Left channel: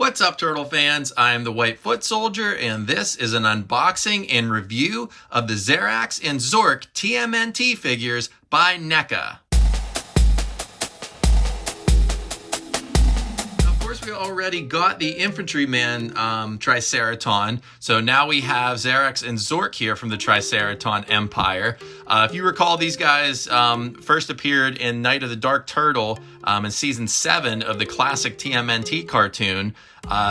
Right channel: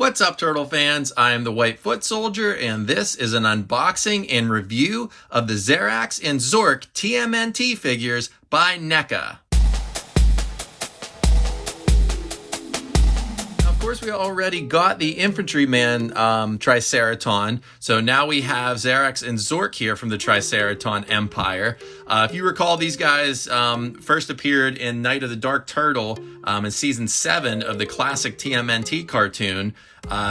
What's up, Turtle fans? I am the White Foot Soldier, and this is an unboxing and review of the Zarax and Zork TMNT figures by NECA. Of course, we already got the Infantryman Triceraton, so now we have Zarax and Zork here from the Triceraton Empire. If you recall, these guys first appeared in Night of the Dark Turtle in Season 7 of the classic TMNT cartoon.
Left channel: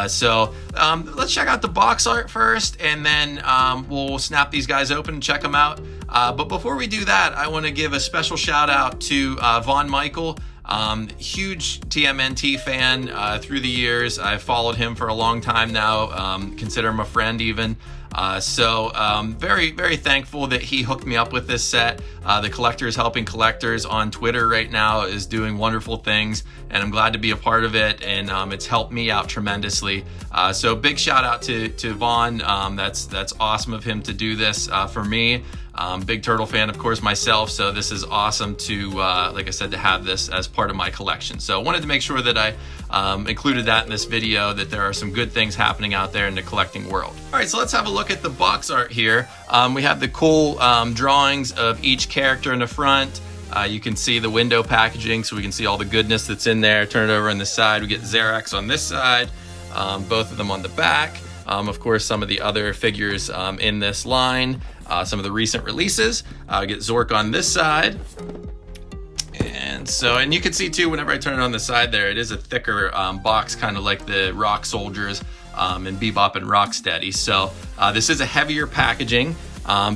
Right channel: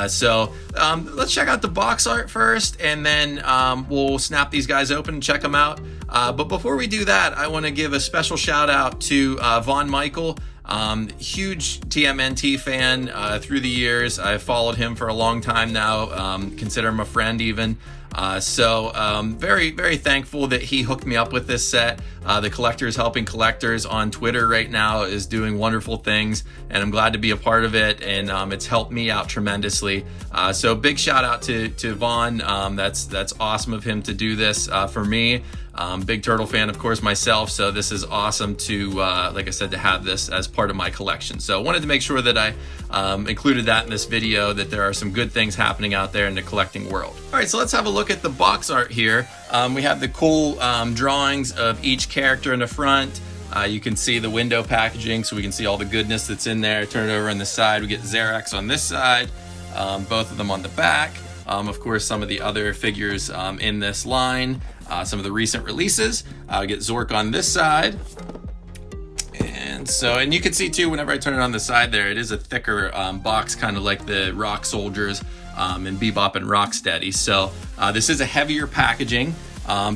So let's check out the box art first, and then we'll snap these guys open and check them out. But before we do that, I want to give a special shout out to Von Michael. Huge TMNT fan through the years. I've followed him for a long time now, consider him a friend even. So very, very thankful that he hooked me up with this set. The Collectors Helping Collectors on Twitter right now is doing wonderful things, and I'm glad to be a part of it, and it's helped me out tremendously. So big shout out to Vaughn. That's awesome of him to do this for me. Big Turtle fan, of course, myself, so this is awesome to, like I said, to have this as part of my collection. So I wanted to make sure that I included that in this video, that there are some good things happening out there in the collecting world. All right, so let's have a look at the box art here. We have the cool drawings of each character in the front. You can see the window packaging, so we can see all the goodness that's in there. Turn it over on the side, we get Zarax on this side, both of them on the back. Of course, some of the other figures in this line. Some of the recent releases. Get Zork on this side. And you can see too, whenever I turn it on the side there, it is a thicker box, kind of like the Rock Soldiers and Bebop and Rocksteady. So this is a heavier packaging,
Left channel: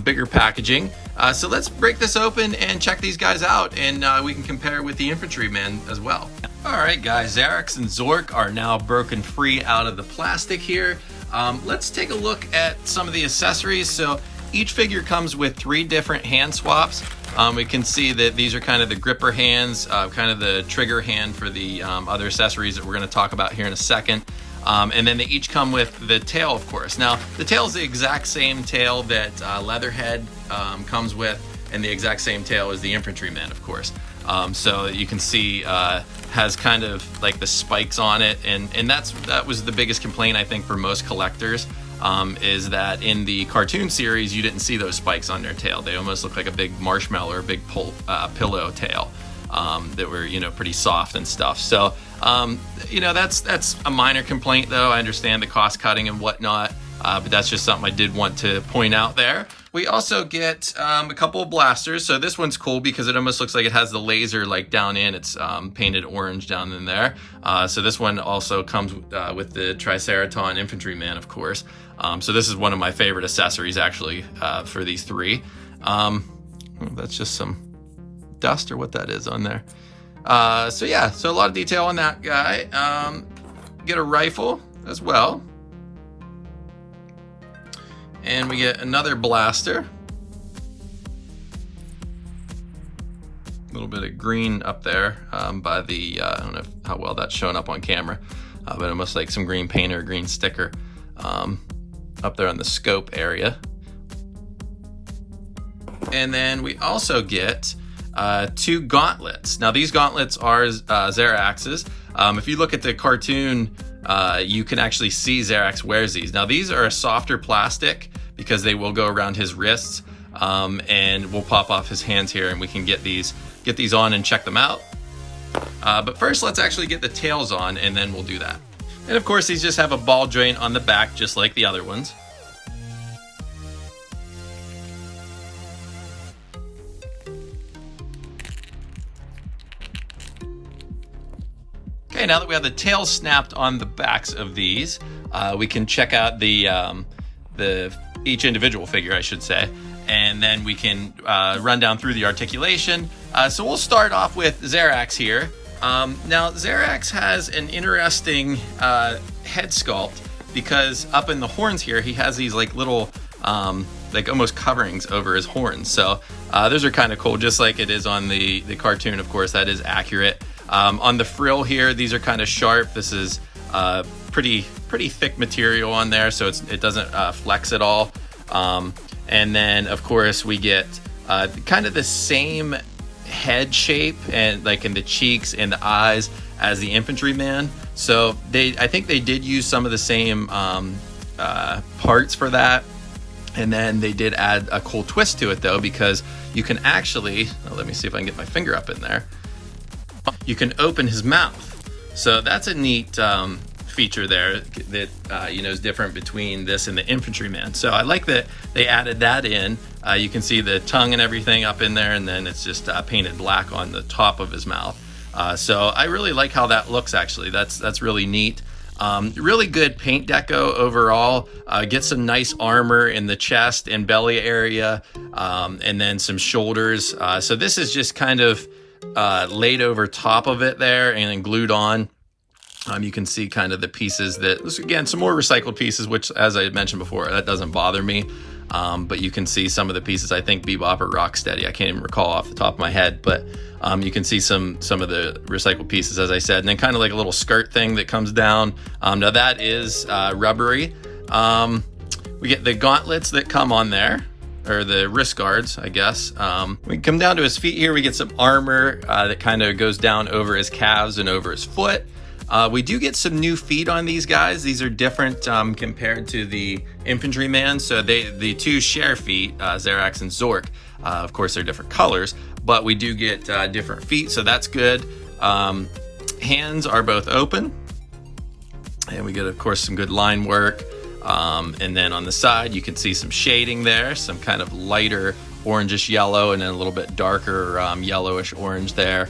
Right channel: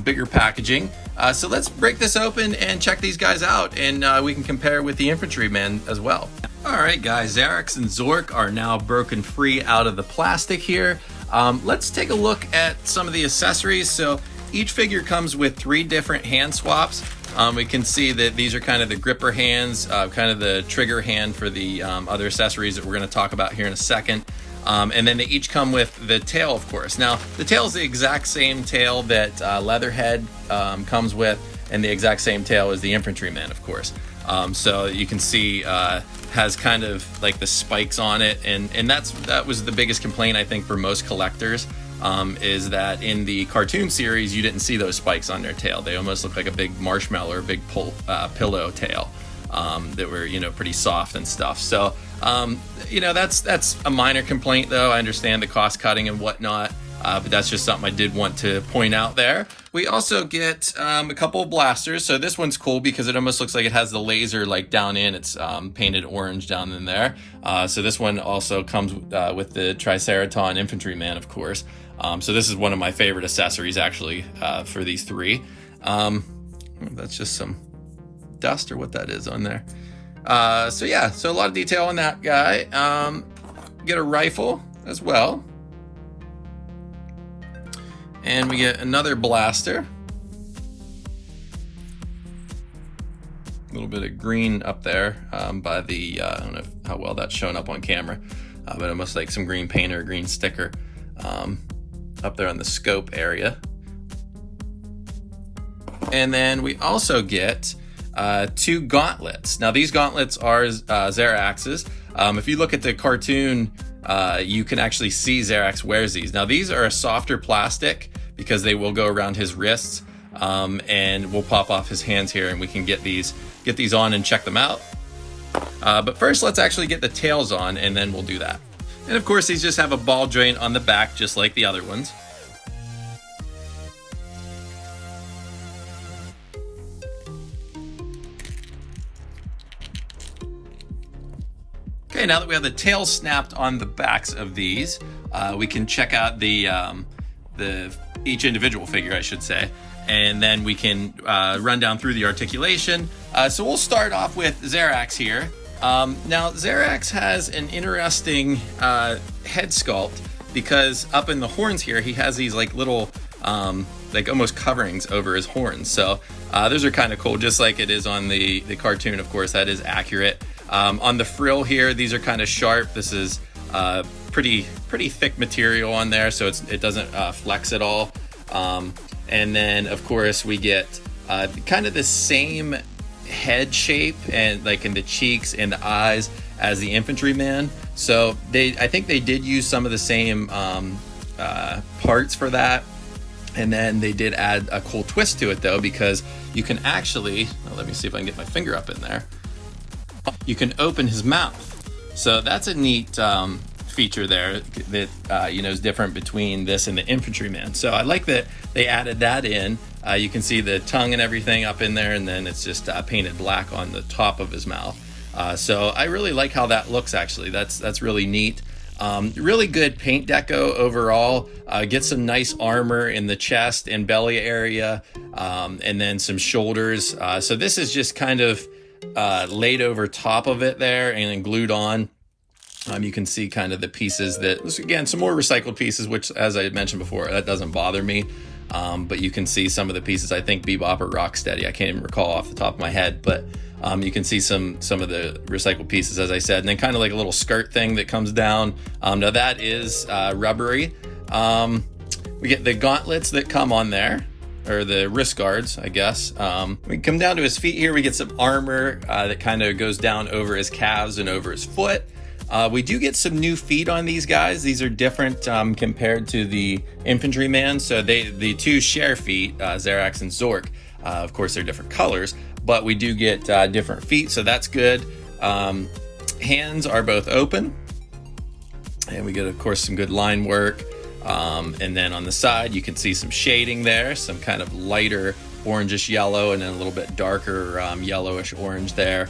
bigger packaging. So let's break this open and check these guys out, and we can compare with the Infantryman as well. All right, guys, Zarax and Zork are now broken free out of the plastic here. Let's take a look at some of the accessories. So each figure comes with 3 different hand swaps. We can see that these are kind of the gripper hands, kind of the trigger hand for the other accessories that we're going to talk about here in a second. And then they each come with the tail, of course. Now, the tail is the exact same tail that Leatherhead comes with, and the exact same tail as the Infantryman, of course. So you can see has kind of like the spikes on it, and that was the biggest complaint, I think, for most collectors. Is that in the cartoon series you didn't see those spikes on their tail. They almost look like a big marshmallow or a big pillow tail that were, pretty soft and stuff. So that's a minor complaint, though. I understand the cost cutting and whatnot, but that's just something I did want to point out there. We also get a couple of blasters. So this one's cool because it almost looks like it has the laser like down in. It's painted orange down in there. So this one also comes with the Triceraton Infantryman, of course. So this is one of my favorite accessories, actually, for these 3. That's just some dust or what that is on there. So yeah, so a lot of detail on that guy. Get a rifle as well. And we get another blaster. A little bit of green up there by the, I don't know how well that's showing up on camera, but almost like some green paint or a green sticker up there on the scope area. And then we also get 2 gauntlets. Now these gauntlets are Zarax's. If you look at the cartoon, you can actually see Zarax wears these. Now these are a softer plastic because they will go around his wrists, and will pop off his hands here, and we can get these on and check them out. But first, let's actually get the tails on, and then we'll do that. And of course, these just have a ball joint on the back, just like the other ones. Okay, now that we have the tails snapped on the backs of these, we can check out each individual figure, I should say, and then we can run down through the articulation. So we'll start off with Zarax here. Now, Zarax has an interesting head sculpt because up in the horns here, he has these like little, like almost coverings over his horns. So those are kind of cool, just like it is on the cartoon, of course, that is accurate. On the frill here, these are kind of sharp. This is pretty thick material on there, so it doesn't flex at all. And then, of course, we get kind of the same head shape and like in the cheeks and the eyes as the Infantryman. So I think they did use some of the same parts for that. And then they did add a cool twist to it though, because you can actually, let me see if I can get my finger up in there. You can open his mouth. So that's a neat feature there that you know, is different between this and the infantryman. So I like that they added that in. You can see the tongue and everything up in there, and then it's just painted black on the top of his mouth. So I really like how that looks actually. That's really neat. Really good paint deco overall. Get some nice armor in the chest and belly area, and then some shoulders. So this is just kind of laid over top of it there and then glued on. You can see kind of the pieces that, again, some more recycled pieces, which, as I mentioned before, that doesn't bother me. But you can see some of the pieces, I think Bebop or Rocksteady, I can't even recall off the top of my head, but you can see some of the recycled pieces, as I said, and then kind of like a little skirt thing that comes down. Now that is rubbery. We get the gauntlets that come on there, or the wrist guards, I guess. We come down to his feet here, we get some armor that kind of goes down over his calves and over his foot. We do get some new feet on these guys. These are different compared to the infantryman. So the two share feet, Zarax and Zork. Of course, they're different colors, but we do get different feet, so that's good. Hands are both open, and we get, of course, some good line work. And then on the side, you can see some shading there, some kind of lighter orangish yellow, and then a little bit darker yellowish orange there.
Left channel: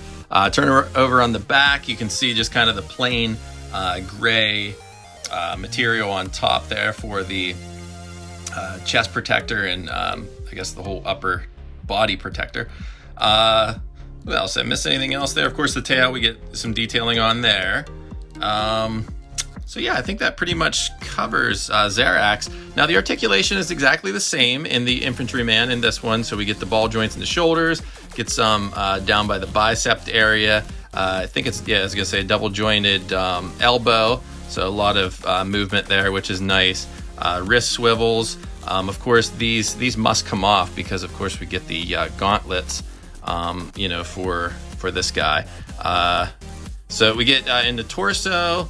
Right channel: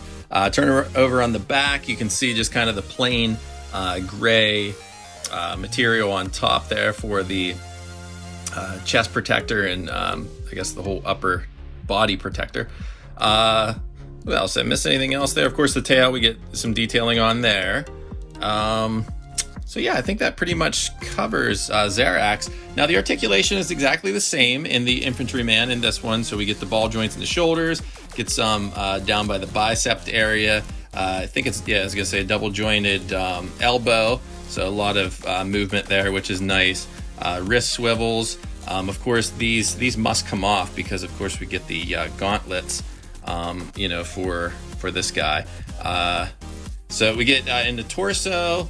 Turn over on the back, you can see just kind of the plain gray material on top there for the chest protector and I guess the whole upper body protector. What else? Did I miss anything else there? Of course, the tail, we get some detailing on there. So yeah, I think that pretty much covers Zarax. Now the articulation is exactly the same in the infantryman in this one. So we get the ball joints in the shoulders, get some down by the bicep area. I think it's, yeah, I was gonna say double jointed elbow. So a lot of movement there, which is nice. Wrist swivels. Of course, these must come off because of course we get the gauntlets, you know, for this guy. So we get in the torso,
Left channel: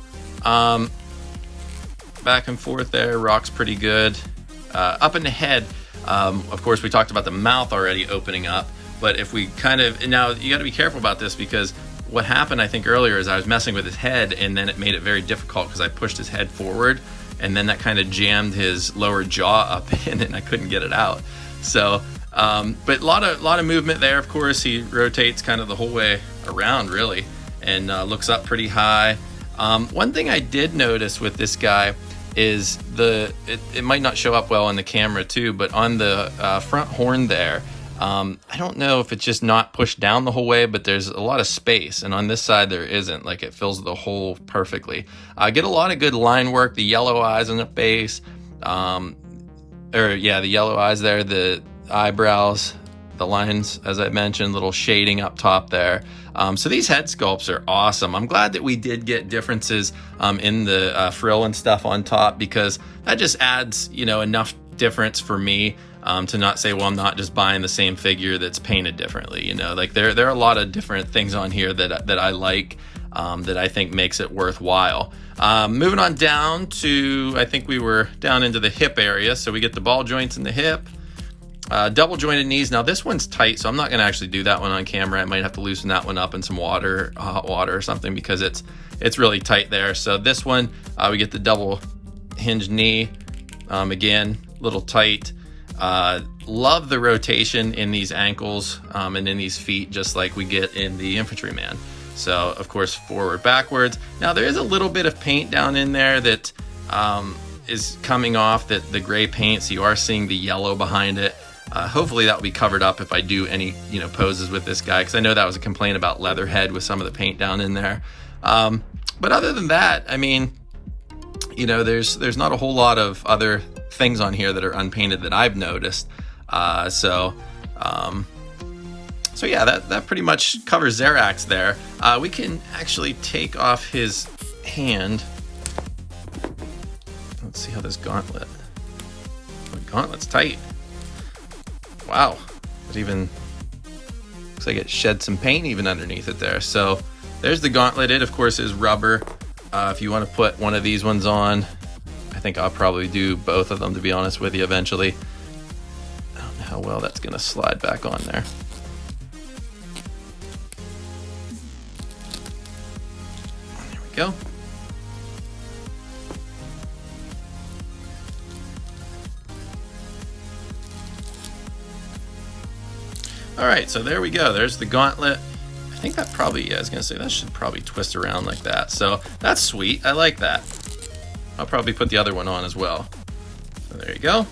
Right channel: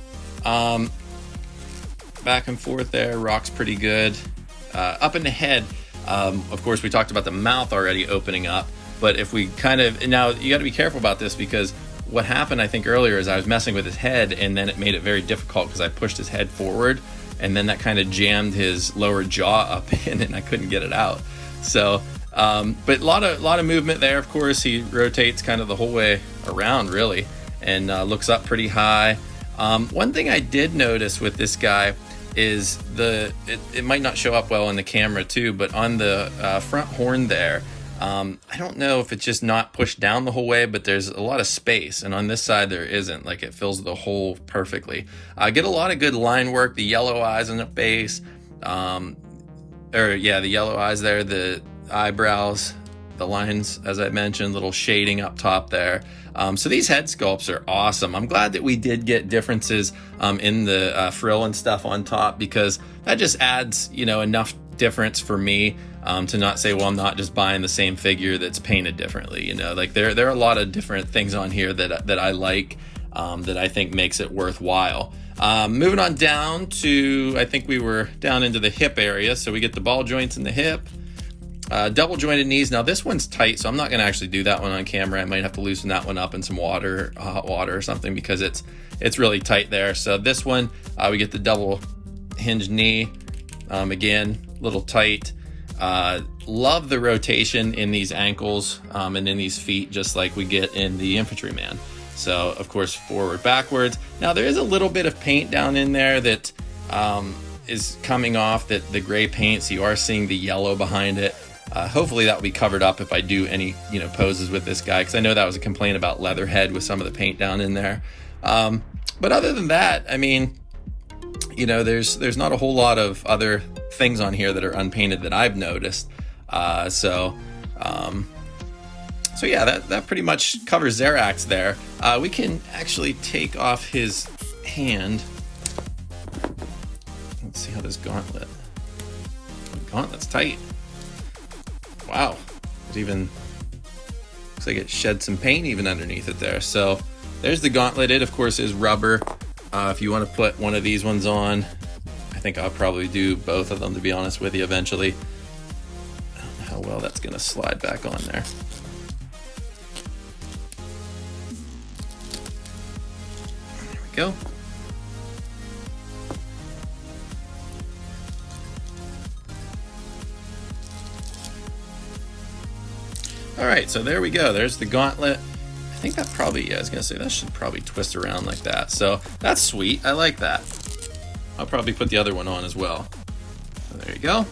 back and forth there, rock's pretty good. Up in the head, of course, we talked about the mouth already opening up, but if we kind of, and now you got to be careful about this because what happened, I think earlier, is I was messing with his head and then it made it very difficult because I pushed his head forward and then that kind of jammed his lower jaw up in and I couldn't get it out. So, but a lot of movement there. Of course, he rotates kind of the whole way around really and looks up pretty high. One thing I did notice with this guy is it might not show up well on the camera too, but on the front horn there, I don't know if it's just not pushed down the whole way, but there's a lot of space, and on this side there isn't. Like, it fills the hole perfectly. Get a lot of good line work, the yellow eyes on the face, the yellow eyes there, the eyebrows, the lines, as I mentioned, little shading up top there. So these head sculpts are awesome. I'm glad that we did get differences in the frill and stuff on top, because that just adds, you know, enough difference for me to not say, well, I'm not just buying the same figure that's painted differently. You know, like there are a lot of different things on here that I like, that I think makes it worthwhile. Moving on down to, I think we were down into the hip area. So we get the ball joints in the hip. Double jointed knees. Now this one's tight, so I'm not going to actually do that one on camera. I might have to loosen that one up in some water, hot water or something, because it's really tight there. So this one, we get the double hinge knee. Again, little tight. Love the rotation in these ankles and in these feet, just like we get in the infantryman. So of course, forward, backwards. Now there is a little bit of paint down in there that is coming off, that the gray paint, so you are seeing the yellow behind it. Hopefully that will be covered up if I do any, you know, poses with this guy, because I know that was a complaint about Leatherhead with some of the paint down in there. But other than that, I mean, you know, there's not a whole lot of other things on here that are unpainted that I've noticed. So yeah, that pretty much covers Zarax there. We can actually take off his hand. Let's see how this gauntlet. The gauntlet's tight. Wow, it even looks like it shed some paint even underneath it there. So there's the gauntlet. It of course is rubber. If you want to put one of these ones on, I think I'll probably do both of them, to be honest with you, eventually. I don't know how well that's going to slide back on there. There we go. All right, so there we go. There's the gauntlet. I think that probably, yeah, I was gonna say that should probably twist around like that. So that's sweet, I like that. I'll probably put the other one on as well. So there you go.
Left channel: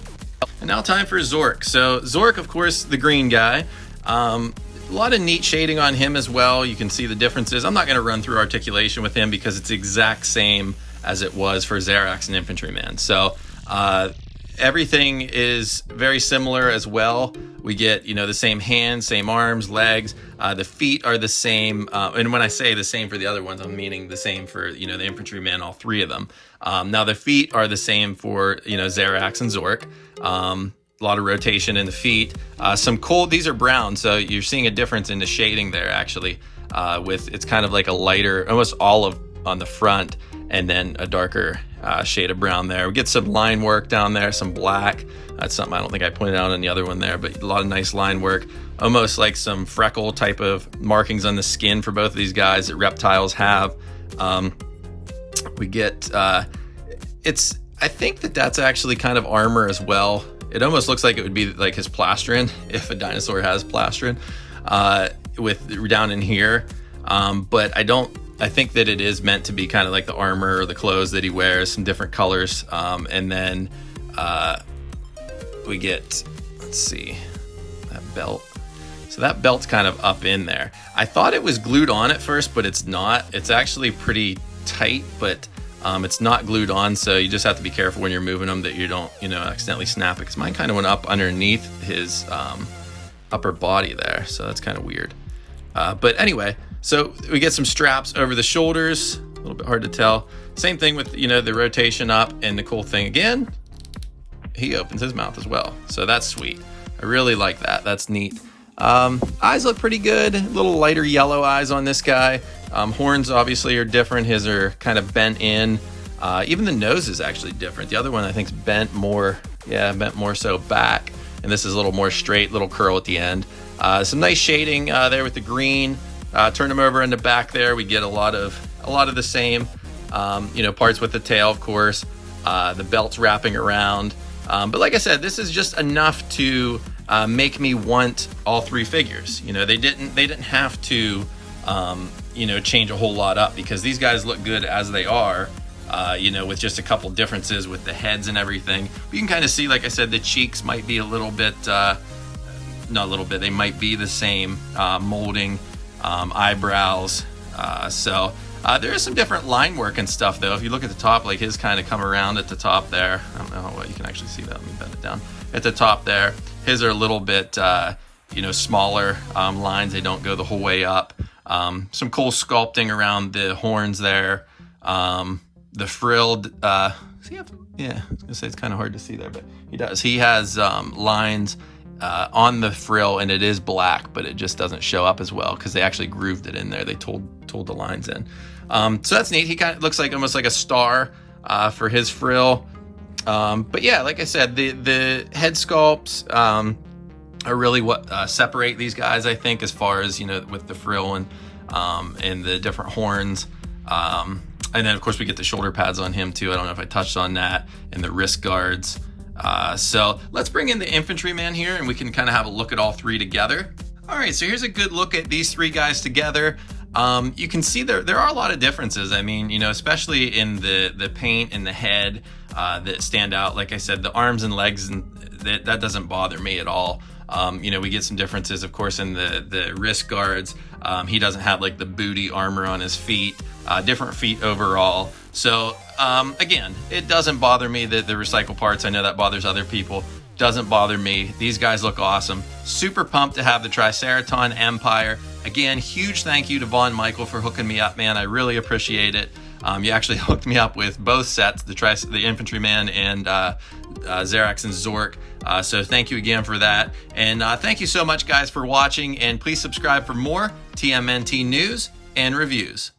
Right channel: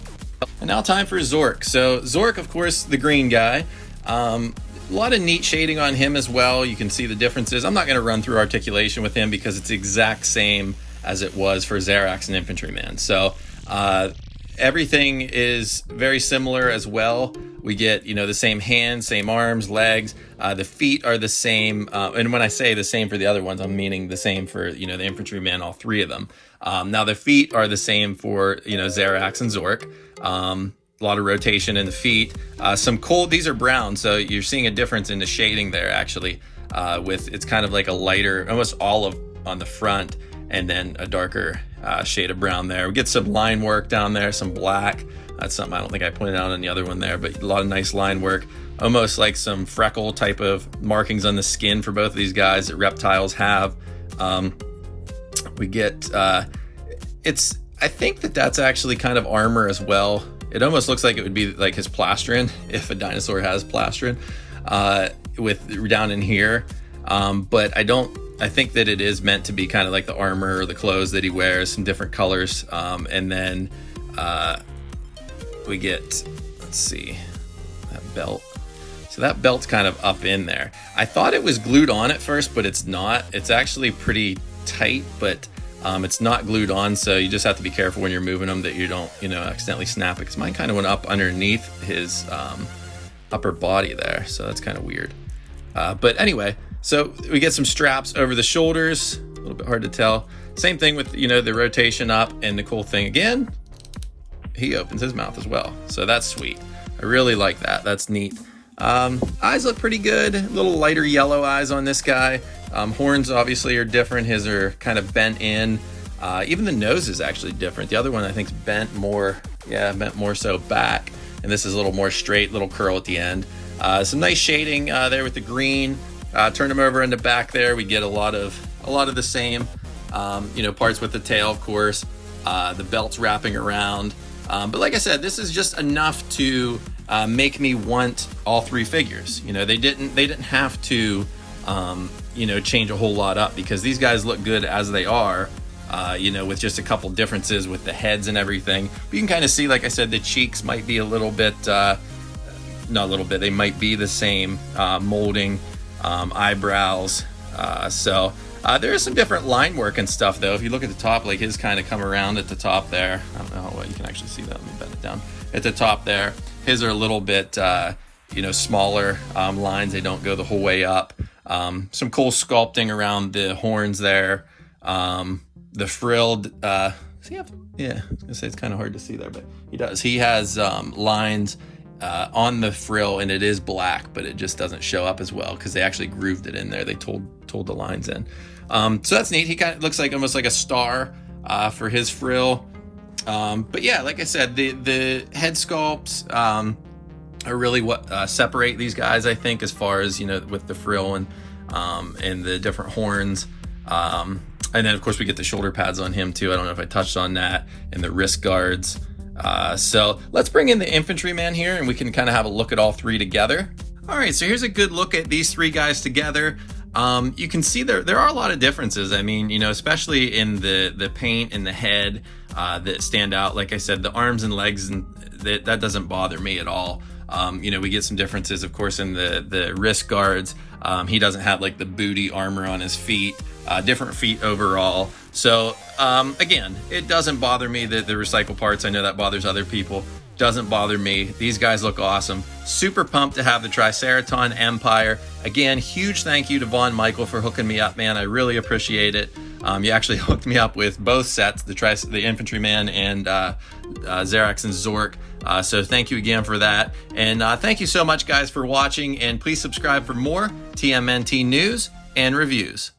And now time for Zork. So Zork, of course, the green guy. A lot of neat shading on him as well. You can see the differences. I'm not gonna run through articulation with him because it's the exact same as it was for Zarax and Infantryman. So everything is very similar as well. We get, you know, the same hands, same arms, legs. The feet are the same. And when I say the same for the other ones, I'm meaning the same for, you know, the Infantryman, all three of them. Now the feet are the same for, you know, Zarax and Zork. A lot of rotation in the feet. These are brown, so you're seeing a difference in the shading there actually. It's kind of like a lighter, almost olive on the front, and then a darker shade of brown there. We get some line work down there, some black. That's something I don't think I pointed out on the other one there, but a lot of nice line work. Almost like some freckle type of markings on the skin for both of these guys that reptiles have. We get, I think that's actually kind of armor as well. It almost looks like it would be like his plastron, if a dinosaur has plastron, with down in here. But I think that it is meant to be kind of like the armor or the clothes that he wears, some different colors. And then we get, let's see, that belt. So that belt's kind of up in there. I thought it was glued on at first, but it's not. It's actually pretty tight, but it's not glued on. So you just have to be careful when you're moving them that you don't, you know, accidentally snap it. Because mine kind of went up underneath his upper body there. So that's kind of weird. But anyway, so we get some straps over the shoulders, a little bit hard to tell. Same thing with, you know, the rotation up, and the cool thing again, he opens his mouth as well. So that's sweet. I really like that. That's neat. Eyes look pretty good. A little lighter yellow eyes on this guy. Horns obviously are different. His are kind of bent in. Even the nose is actually different. The other one I think is bent more so back. And this is a little more straight, little curl at the end. Some nice shading there with the green. Turn them over in the back there. We get a lot of the same, you know, parts with the tail, of course. The belt's wrapping around. But like I said, this is just enough to make me want all three figures. You know, they didn't have to, you know, change a whole lot up because these guys look good as they are. You know, with just a couple differences with the heads and everything. But you can kind of see, like I said, the cheeks might be a little bit, not a little bit, they might be the same molding, eyebrows. So there is some different line work and stuff though. If you look at the top, like his kind of come around at the top there. I don't know how well you can actually see that. Let me bend it down. At the top there, his are a little bit, you know, smaller lines. They don't go the whole way up. Some cool sculpting around the horns there. The frilled, yeah, I was gonna say it's kind of hard to see there, but he does. He has lines on the frill, and it is black, but it just doesn't show up as well because they actually grooved it in there. They told the lines in. So that's neat. He kind of looks like almost like a star for his frill. But yeah, like I said, the head sculpts are really what separate these guys, I think, as far as, you know, with the frill and the different horns. And then, of course, we get the shoulder pads on him, too. I don't know if I touched on that. And the wrist guards. So let's bring in the Infantryman here, and we can kind of have a look at all three together. All right, so here's a good look at these three guys together. You can see there are a lot of differences. I mean, you know, especially in the paint and the head that stand out. Like I said, the arms and legs, and that doesn't bother me at all. You know, we get some differences, of course, in the wrist guards. He doesn't have like the booty armor on his feet. Different feet overall. So again, it doesn't bother me that the recycle parts. I know that bothers other people. Doesn't bother me. These guys look awesome. Super pumped to have the Triceraton Empire. Again, huge thank you to Von Michael for hooking me up, man. I really appreciate it. You actually hooked me up with both sets, the Infantryman and Zarax and Zork. So thank you again for that. And thank you so much, guys, for watching. And please subscribe for more TMNT news and reviews.